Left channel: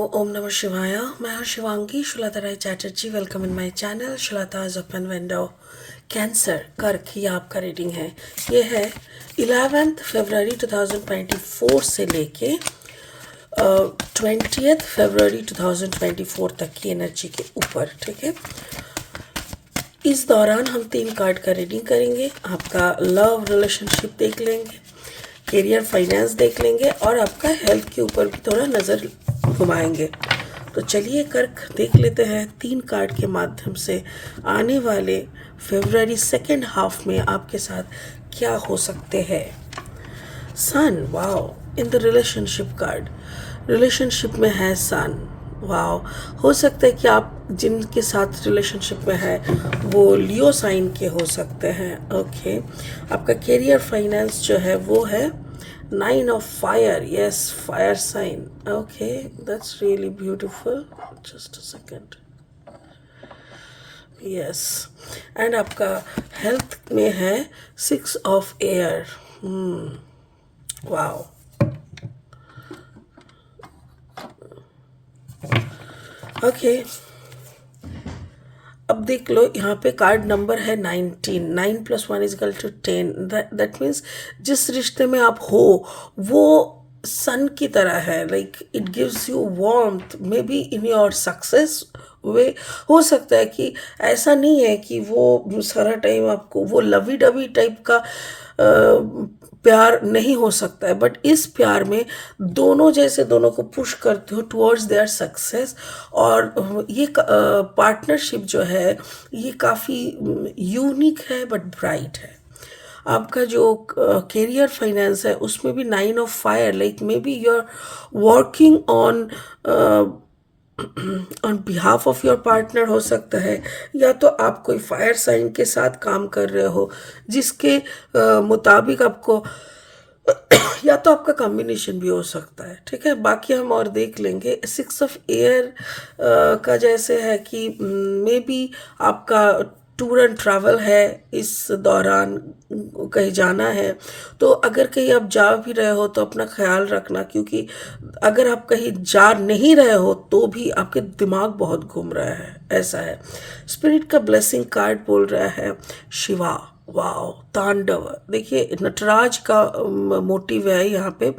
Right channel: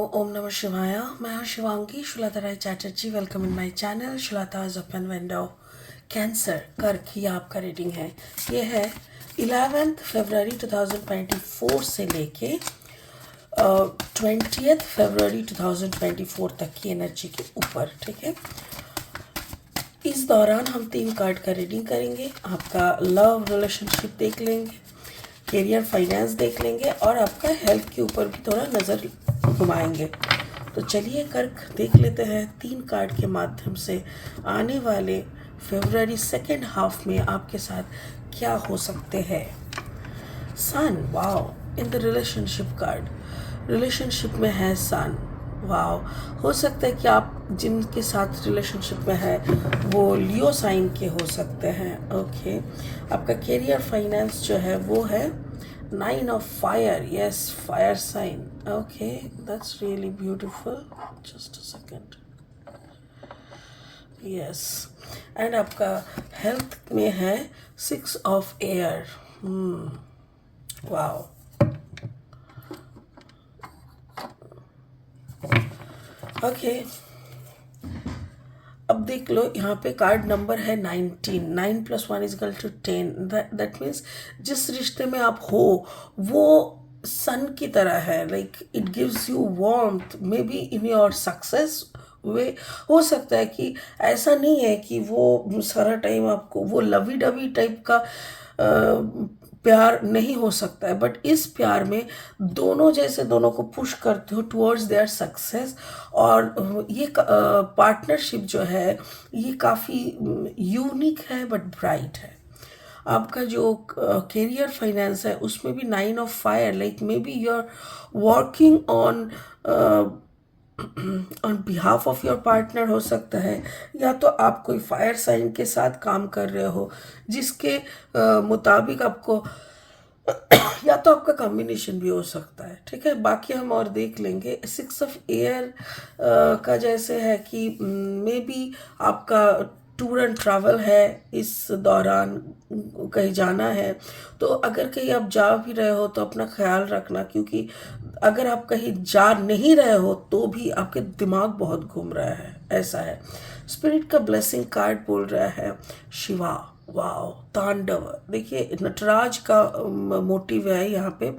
ओम नमः शिवाय। मैं हूं Shivangi Shulta Rai Chatterjee. Welcome in my channel Shulta's open window. Cancer कर्क ये आपका रीडिंग है। ये है 11 फरवरी 2024 से लेके 20 फरवरी 2024 तक की एनर्जी के ऊपर। ठीक है, इस दौरान हम 3 कार्ड का रीडिंग करेंगे। आपका लव रिलेशनशिप देख लेंगे, करियर फाइनेंस देख लेंगे और आपका हेल्थ के ऊपर भी थोड़ा नज़र घुमाएंगे। तो चलिए कर्क देख लेते हैं 3 कार्ड के माध्यम से आने वाले फरवरी सेकेंड हाफ में आपके साथ क्या हो सकते हैं। Sun, wow, in the relationship card, relationship में है सन। वाओ, हो सकता है कि आप जिनके साथ रिलेशनशिप में है वो लियो साइन के हो सकते हैं। ओके, आपका करियर फाइनेंस जो है वो है 9 of fire. Yes, fire sign. Okay, that's really beautiful. Just a second. Yes, and आपका हेल्थ में है 6 ऑफ एयर। Wow, okay. अब देख लो, यहाँ पे कार्ड नंबर है 19। 9 + 1 = 10। दैट मीन्स जिस रिश्ते में आप हो वो सन की तरह है। Like it gives you warmth, maybe in your success way. हो सकता है कि ऐसा नहीं है कि वो सारा टाइम आपको वो लवी डवी टाइप का प्यार नहीं हो सकता है, बट इस प्यार में दोनों जैसे दोनों को पुश करते हो टुवर्ड्स देयर सक्सेस। और ये पार्टनरशिप जो है ये काफ़ी यूनिक है बट ब्राइट है। आपका जो करियर फाइनेंस है उसमें भी 9 of fire. Like may be you are working on on behalf of your partner हो सकता है, या तो आप कोई फायर साइन के साथ काम कर रहे हो जिसके मुताबिक आपको या तो आपका कॉम्बिनेशन भी हो सकता है। ठीक है, बाकी हम और देख लेंगे। 6 ऑफ एयर का जैसे है कि मे बी आपका टूर एंड ट्रैवल है, इस दौरान कहीं जाना है। तो अगर कहीं आप जा भी रहे हो तो अपना ख्याल रखना, क्योंकि अगर आप कहीं जा नहीं रहे हो तो भी आपके दिमाग बहुत घूम रहा है, ऐसा है। स्पिरिट का ब्लेसिंग कार्ड बोल रहा है शिवा। वाओ, तांडव। देखिए नटराज का मोटिव है यहाँ पे।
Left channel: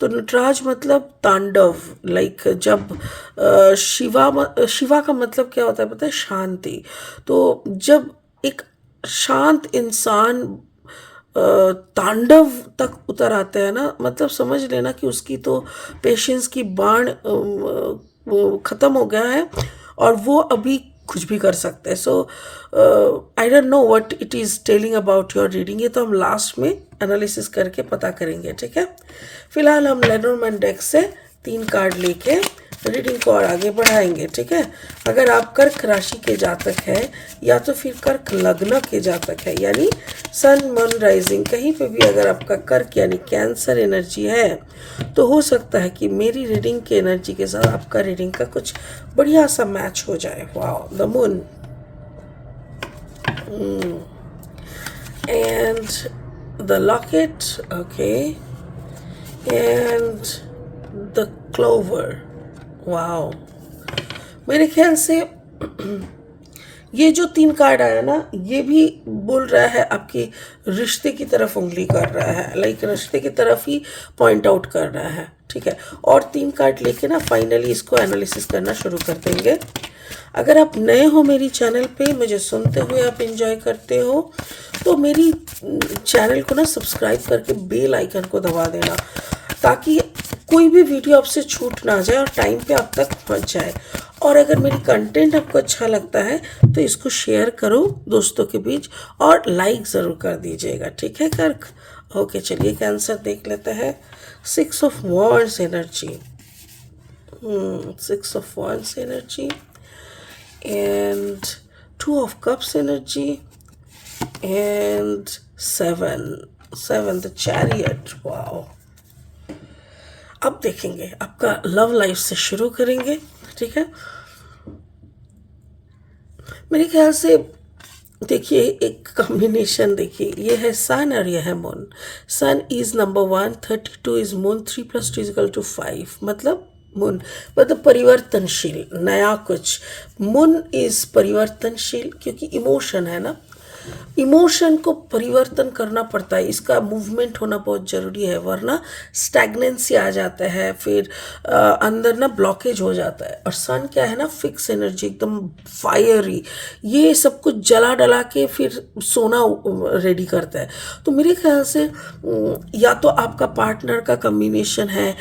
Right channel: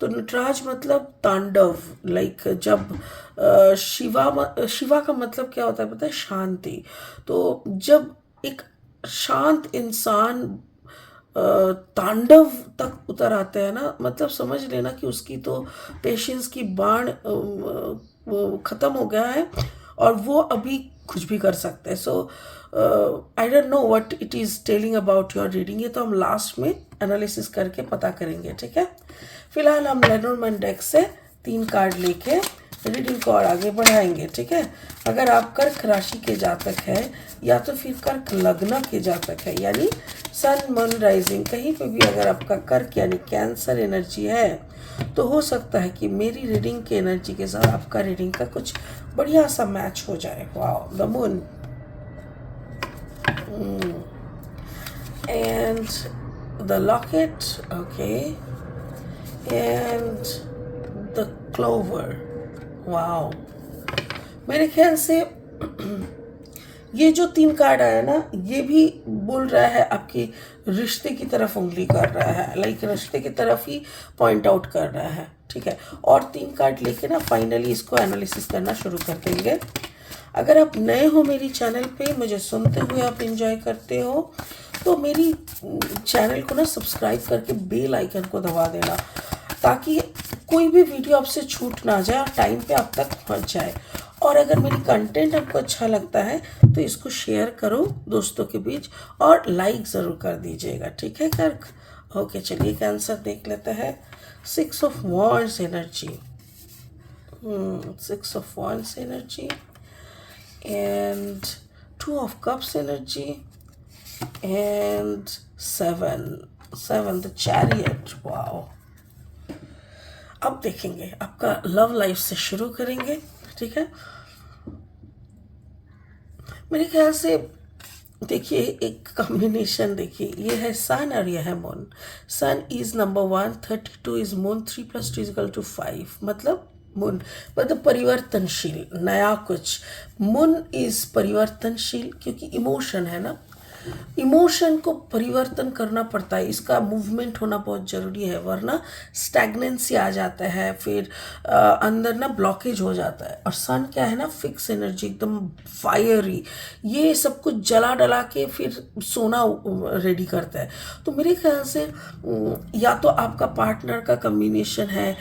तो नटराज मतलब तांडव। लाइक जब शिवा का मतलब क्या होता है पता है? शांति। तो जब एक शांत इंसान तांडव तक उतर आते हैं ना, मतलब समझ लेना कि उसकी तो पेशेंस की बाण वो ख़त्म हो गया है और वो अभी कुछ भी कर सकते हैं। So I don't know what it is telling about your reading. ये तो हम लास्ट में एनालिसिस करके पता करेंगे। ठीक है, फिलहाल हम लेनोर्मैन डेक से 3 कार्ड लेके रीडिंग को और आगे बढ़ाएंगे। ठीक है, अगर आप कर्क राशि के जातक हैं या तो फिर कर्क लग्न के जातक है, यानी सन मून राइजिंग, कहीं पे भी अगर आपका कर्क यानी कैंसर एनर्जी है तो हो सकता है कि मेरी रीडिंग के एनर्जी के साथ आपका रीडिंग का कुछ बढ़िया सा मैच हो जाए। Wow, the moon and the locket. Okay, and the clover. Wow, मेरे ख्याल से ये जो 3 कार्ड आया ना, ये भी बोल रहा है आपके रिश्ते की तरफ उंगली कर रहा है। लाइक रिश्ते की तरफ ही पॉइंट आउट कर रहा है। ठीक है, और 3 कार्ड लेके ना फाइनली इसको एनालिसिस करना शुरू कर देंगे। अगर आप नए हो मेरी चैनल पे, मुझे सुनते हुए आप एंजॉय करते हो, तो मेरी चैनल को ना सब्सक्राइब करके बेल आइकन को दबा देना, ताकि कोई भी वीडियो आपसे छूट ना जाए और टाइम पे आप तक पहुंच जाए। और अगर मेरी कंटेंट आपको अच्छा लगता है तो इसको शेयर करो दोस्तों के बीच और लाइक ज़रूर कर दीजिएगा। ठीक है कर्क? ओके, चलिए कैंसर देख लेते हैं। 6 of wands energy. 6 of wands energy and 2 of cups energy and 7 the chariot. wow, अब देखेंगे आपका लव लाइफ से शुरू करेंगे। ठीक है, मेरे ख्याल से देखिए एक कॉम्बिनेशन देखिए, ये है सन और ये है moon. Sun is number 1, 32 is moon, 3 + 2 = 5। मतलब मून मतलब परिवर्तनशील, नया कुछ। मून इज परिवर्तनशील क्योंकि इमोशन है ना, इमोशन को परिवर्तन करना पड़ता है, इसका मूवमेंट होना बहुत ज़रूरी है, वरना स्टैग्नेंसी आ जाता है, फिर अंदर ना ब्लॉकेज हो जाता है। और सन क्या है ना, फिक्स एनर्जी, एकदम फायरी, ये सब कुछ जला डला के फिर सोना रेडी करता है। तो मेरे ख्याल से या तो आपका पार्टनर का कम्बिनेशन है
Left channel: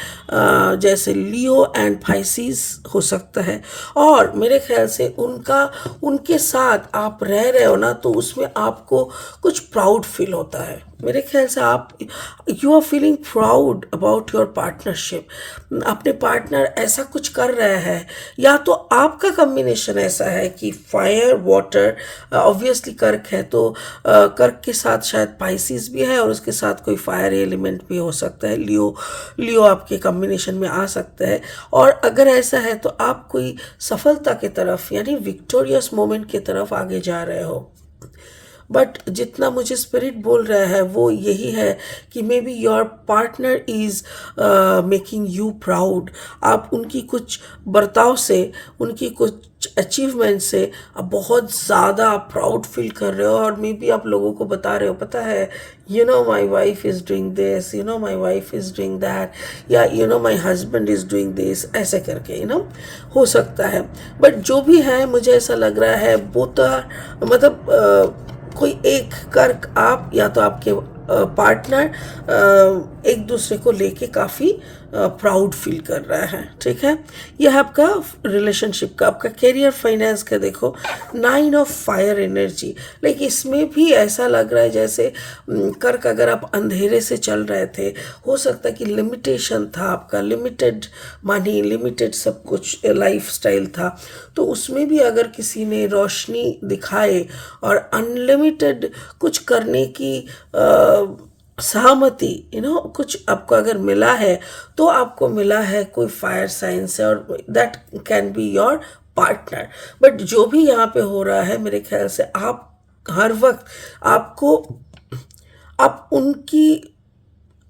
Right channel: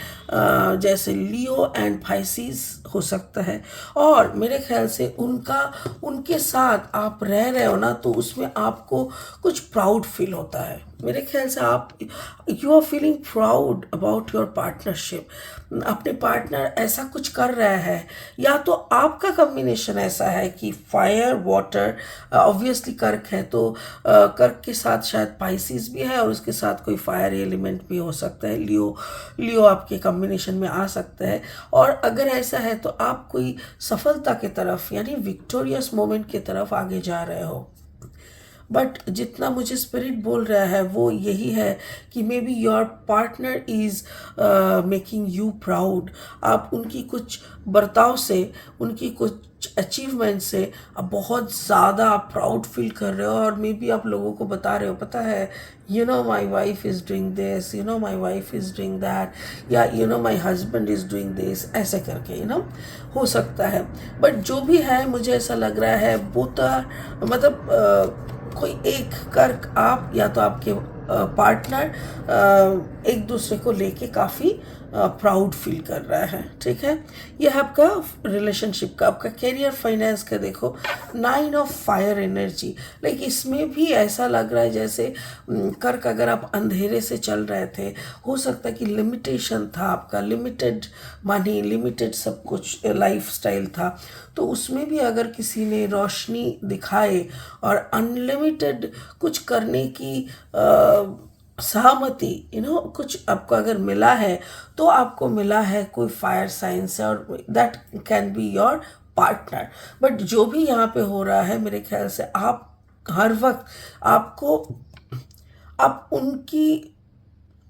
जैसे लियो एंड पाइसिस हो सकता है, और मेरे ख्याल से उनके साथ आप रह रहे हो ना, तो उसमें आपको कुछ प्राउड फील होता है। मेरे ख्याल से आप you are feeling proud about your partnership. अपने पार्टनर ऐसा कुछ कर रहा है, या तो आपका कम्बिनेशन ऐसा है कि फायर वाटर, ऑब्वियसली कर्क है तो कर्क के साथ शायद पाइसिस भी है, और उसके साथ कोई फायर एलिमेंट भी हो सकता है, लियो, लियो आपके कम्बिनेशन में आ सकता है। और अगर ऐसा है तो आप कोई सफलता की तरफ यानी विक्टोरियस मोमेंट की तरफ आगे जा रहे हो। बट जितना मुझे स्पिरिट बोल रहा है वो यही है कि may be your partner is making you proud. आप उनकी कुछ बर्ताव से, उनकी कुछ अचीवमेंट से आप बहुत ज़्यादा प्राउड फील कर रहे हो, और मे बी आप लोगों को बता रहे हो, पता है you know my wife is doing this, you know my wife is doing that, या you know my husband is doing this, ऐसे करके हो सकता है। बट जो भी है मुझे ऐसा लग रहा है बोथ मतलब कोई एक कर्क आप या तो आपके पार्टनर एक दूसरे को लेके काफ़ी प्राउड फील कर रहा है, ठीक है। यह आपका रिलेशनशिप का, आपका करियर फाइनेंस का देखो, 9 ऑफ फायर एनर्जी। लाइक इसमें भी ऐसा लग रहा है जैसे कर्क अगर आप अंधेरे से चल रहे थे, हो सकता है कि लिमिटेशन था आपका, लिमिटेड मनी, लिमिटेड सब कुछ लाइफ स्टाइल था, तो उसमें भी अगर किसी ने रोशनी दिखाए और अनलिमिटेड कुछ करने की सहमति कुछ आपको अगर मिला है, तो आपको मिला है कोई फायर साइन से, और that can be your partner. But जो भी यहाँ पे हो रहा है मेरे ख्याल से आप हर वक्त आपको आप उनकी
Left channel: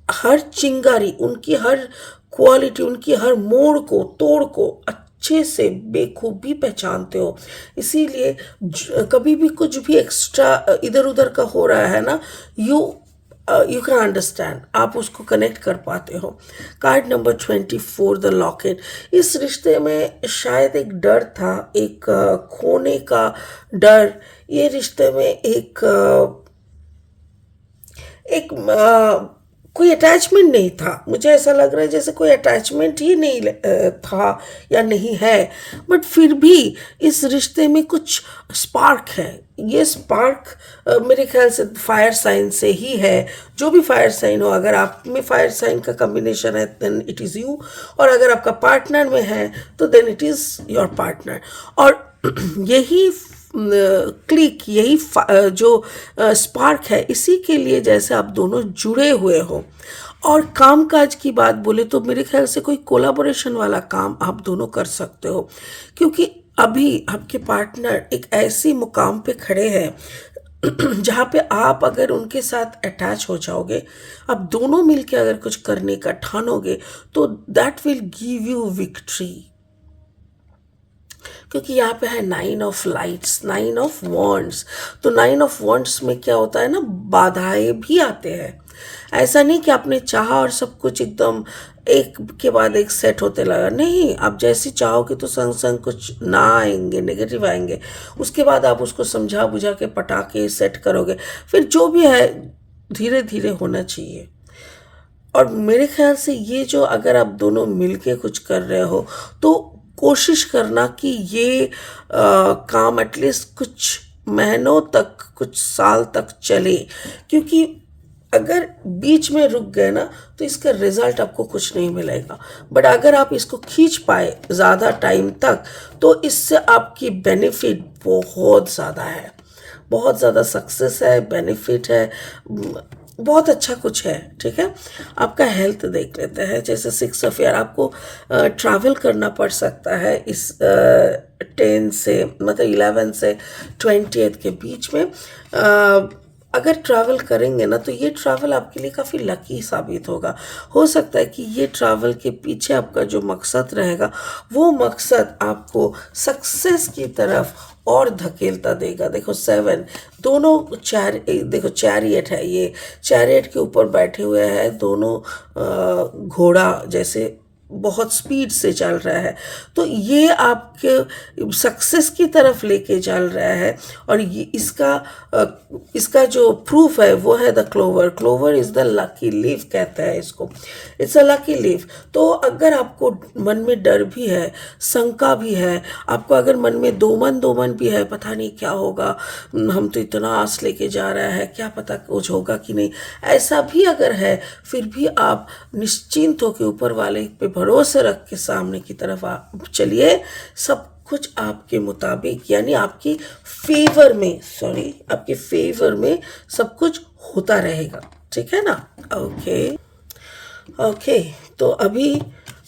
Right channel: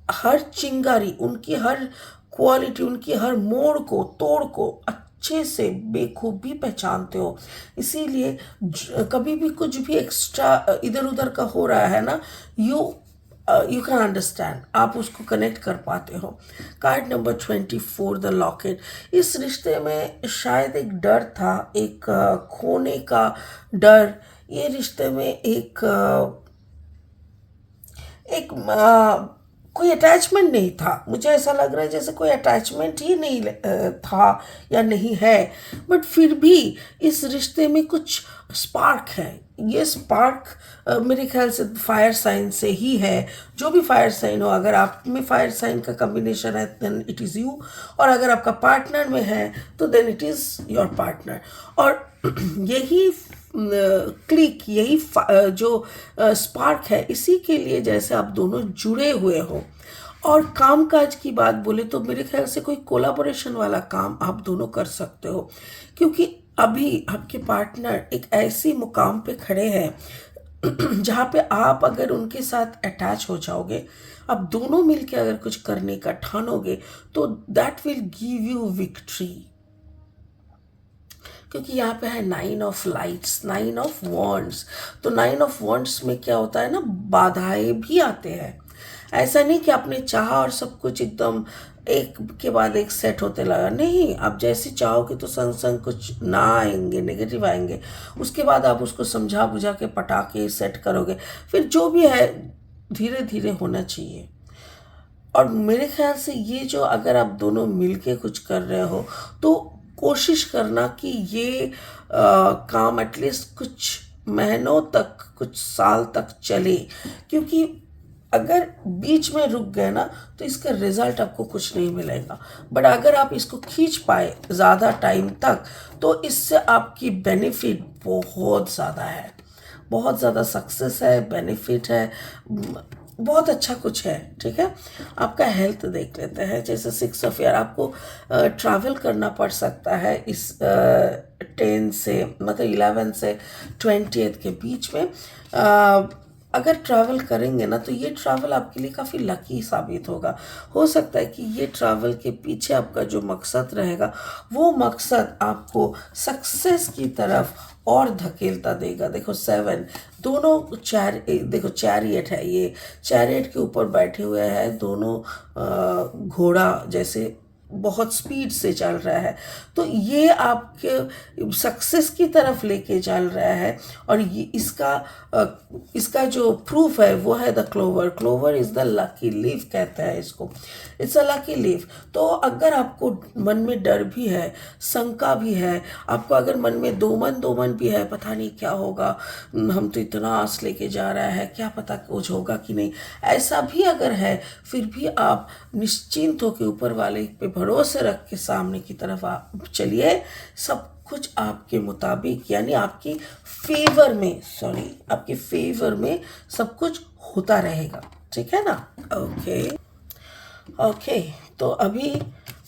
हर चिंगारी, उनकी हर क्वालिटी, उनकी हर मोड़ को, तोड़ को अच्छे से बेखूबी पहचानते हो। इसीलिए कभी भी कुछ भी एक्स्ट्रा इधर उधर का हो रहा है ना, यू कैन अंडरस्टैंड, आप उसको कनेक्ट कर पाते हो। Card number 24, the locket. इस रिश्ते में शायद एक डर था, एक खोने का डर। ये रिश्ते में एक कोई अटैचमेंट नहीं था। मुझे ऐसा लग रहा है जैसे कोई अटैचमेंट ही नहीं था या नहीं है, बट फिर भी इस रिश्ते में कुछ स्पार्क है। ये स्पार्क मेरे ख्याल से फायर साइन से ही है। जो भी फायर साइन हो, अगर आप में फायर साइन का कम्बिनेशन है देन इट इज़ यू, और अगर आपका पार्टनर में है तो then it is your partner. और यही क्लिक, यही जो स्पार्क है, इसी के लिए जैसे आप दोनों जुड़े हुए हो। और कामकाज की बात बोले तो मेरे ख्याल से कोई कोलाबोरेशन वाला काम आप दोनों कर सकते हो, क्योंकि अभी आपके पार्टनर एक ऐसी मुकाम पे खड़े हैं जहाँ पे आप अगर उनके साथ अटैच हो जाओगे, आप दोनों मिलके अगर कुछ करने का ठानोगे, तो that will give you victory. क्योंकि यहाँ पे है 9 ऑफ लाइट्स, 9 ऑफ वॉन्ड्स। तो 9 ऑफ वॉन्ड्स में क्या होता है ना, बाधाएं भी आते हैं। ऐसा नहीं कि आपने चाहा और सब कुछ एकदम एक के बाद एक सेट होते लगा, नहीं, आप जैसी चाहोगे तो संग संग कुछ ना आएंगे, नेगेटिव आएंगे, उसके बाद आप उसको समझा बुझा के पटा के सेट करोगे। फिर जो भी है धीरे धीरे होना चाहिए। और मेरे ख्याल से ये जो अगर आप दोनों मिलके कुछ कर रहे हो, तो कोशिश करना कि ये काम एटलीस्ट कुछ महीनों तक, कुछ साल तक चले, क्योंकि अगर बीच में रुक गए ना तो इसका रिजल्ट आपको कुछ नहीं मिलेगा। बट अगर आप इसको खींच पाए ज़्यादा टाइम तक, तो इससे आपकी बेनिफिट बहुत ज़्यादा है, बहुत ज़्यादा सक्सेस है, बेनिफिट है, बहुत अच्छा कुछ है, ठीक है। आपका हेल्थ देख लेते हैं। जैसे 6 ऑफ ईयर, आपको ट्रैवल करना पड़ सकता है इस 10 से मतलब 11 से 20 के बीच में। अगर ट्रैवल करेंगे ना तो ये ट्रैवल आपके लिए काफ़ी लकी साबित होगा। हो सकता है कि ये ट्रैवल के पीछे आपका जो मकसद रहेगा वो मकसद आपको सक्सेस की तरफ और धकेलता देगा। देखो 7 दोनों देखो चैरियट है, ये चैरियट के ऊपर बैठे हुए हैं दोनों घोड़ा जैसे बहुत स्पीड से चल रहा है, तो ये आपके सक्सेस की तरफ लेके चल रहा है। और ये इसका जो प्रूफ है वो है the clover. Clover is the lucky leaf कहता है इसको, इट्स अ लकी लीफ। तो अगर आपको मन में डर भी है, शंका भी है, आपको अगर मन में दो मन भी है, पता नहीं क्या होगा, हम तो इतना आस लेके जा रहा है, क्या पता कुछ होगा कि नहीं, ऐसा भी अगर है, फिर भी आप निश्चिंत होकर ऊपर वाले पे भरोसे रख के सामने की तरफ आप चलिए। सब कुछ आपके मुताबिक यानी आपकी फेवर में सब कुछ होता रहेगा, ठीक है ना। ओके, तो अभी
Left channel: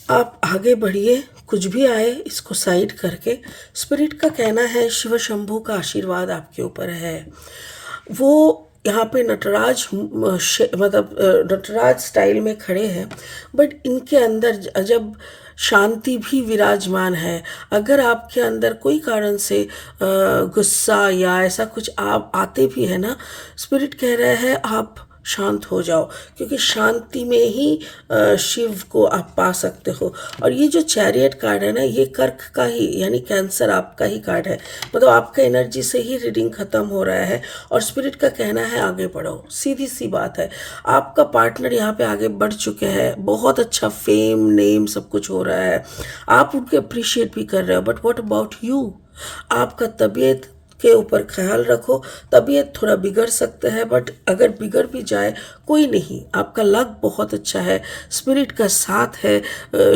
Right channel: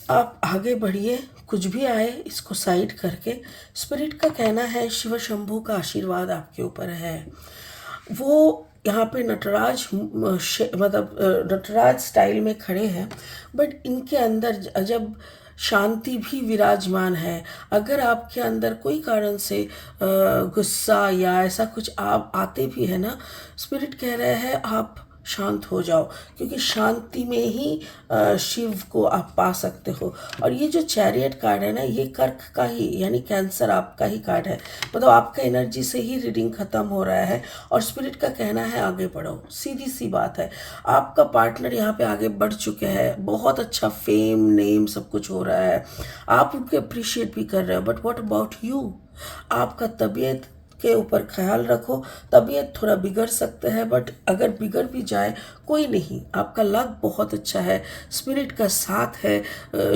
आप आगे बढ़िए, कुछ भी आए इसको साइड करके। स्पिरिट का कहना है शिव शंभू का आशीर्वाद आपके ऊपर है। वो यहाँ पे नटराज मतलब नटराज स्टाइल में खड़े हैं, बट इनके अंदर जब शांति भी विराजमान है। अगर आपके अंदर कोई कारण से गुस्सा या ऐसा कुछ आप आते भी है ना, स्पिरिट कह रहा है आप शांत हो जाओ, क्योंकि शांति में ही शिव को आप पा सकते हो। और ये जो चैरियट कार्ड है ना, ये कर्क का ही यानी कैंसर आपका ही कार्ड है, मतलब आपका एनर्जी से ही रीडिंग ख़त्म हो रहा है। और स्पिरिट का कहना है आगे बढ़ो, सीधी सी बात है। आपका पार्टनर यहाँ पे आगे बढ़ चुके हैं, बहुत अच्छा फेम नेम सब कुछ हो रहा है, आप उनके अप्रिशिएट भी कर रहे हो। But what about you? आपका तबीयत के ऊपर ख्याल रखो। तबीयत थोड़ा बिगड़ सकता है, बट अगर बिगड़ भी जाए कोई नहीं, आपका लक बहुत अच्छा है, स्पिरिट का साथ है,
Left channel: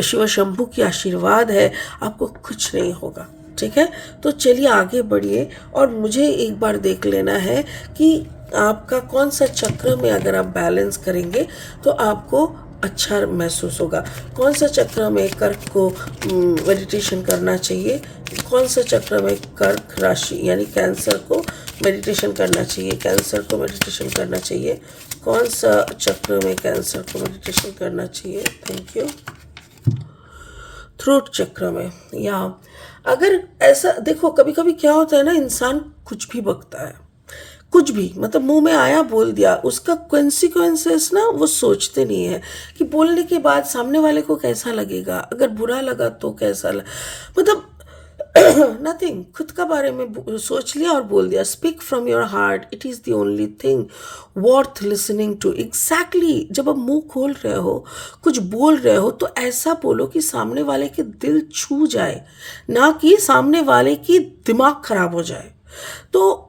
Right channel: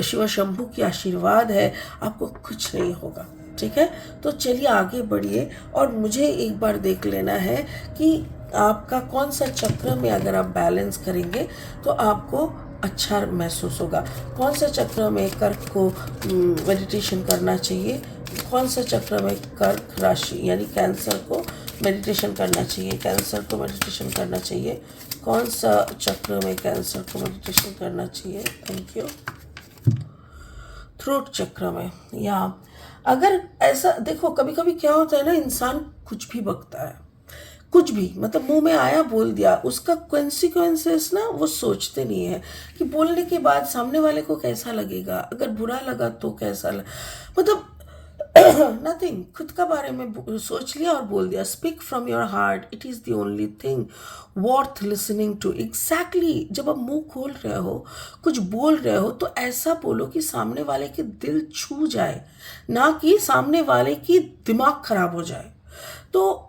शिव शंभू की आशीर्वाद है, आपको कुछ नहीं होगा, ठीक है। तो चलिए आगे बढ़िए, और मुझे एक बार देख लेना है कि आपका कौन सा चक्र में अगर आप बैलेंस करेंगे तो आपको अच्छा महसूस होगा। कौन सा चक्र में कर्क को मेडिटेशन करना चाहिए, कौन सा चक्र में कर्क राशि यानी कैंसर को मेडिटेशन करना चाहिए, कैंसर को मेडिटेशन करना चाहिए, कौन सा चक्र में कैंसर को मेडिटेशन करना चाहिए। Thank you. थ्रोट चक्र में, या अगर ऐसा देखो, कभी कभी क्या होता है ना, इंसान कुछ भी बकता है, कुछ भी मतलब मुंह में आया बोल दिया, उसका कॉन्सिक्वेंसेस ना वो सोचते नहीं है कि बोलने के बाद सामने वाले को कैसा लगेगा, अगर बुरा लगा तो कैसा मतलब नथिंग, खुद का बारे में सोच लिया और बोल दिया। Speak from your heart, it is the only thing worth listening to. Exactly, जब आप मुंह खोल रहे हो, कुछ बोल रहे हो, तो ऐसा बोलो कि सामने वाले के दिल छू जाए, ना कि सामने वाले की दिमाग खराब हो जाए। तो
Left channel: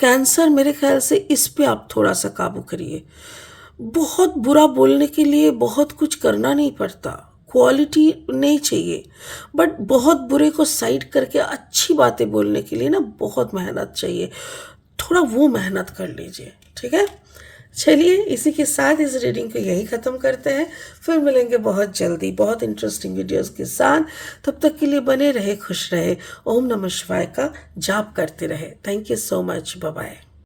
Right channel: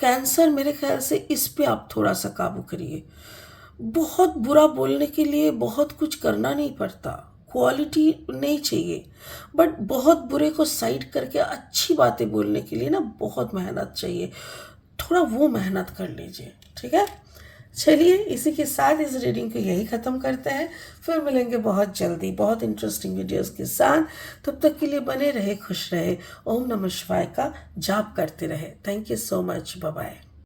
कैंसर मेरे ख्याल से इस पे आप थोड़ा सा काबू करिए। बहुत बुरा बोलने के लिए बहुत कुछ करना नहीं पड़ता, क्वालिटी नहीं चाहिए, बट बहुत बुरे को साइड करके अच्छी बातें बोलने के लिए ना बहुत मेहनत चाहिए, थोड़ा वो मेहनत कर लीजिए, ठीक है। चलिए इसी के साथ इस रीडिंग को यही ख़त्म करते हैं, फिर मिलेंगे बहुत जल्दी बहुत इंटरेस्टिंग वीडियोस के साथ। तब तक के लिए बने रहे, खुश रहे, ओम नमः शिवाय का जाप करते रहे। Thank you so much, bye bye.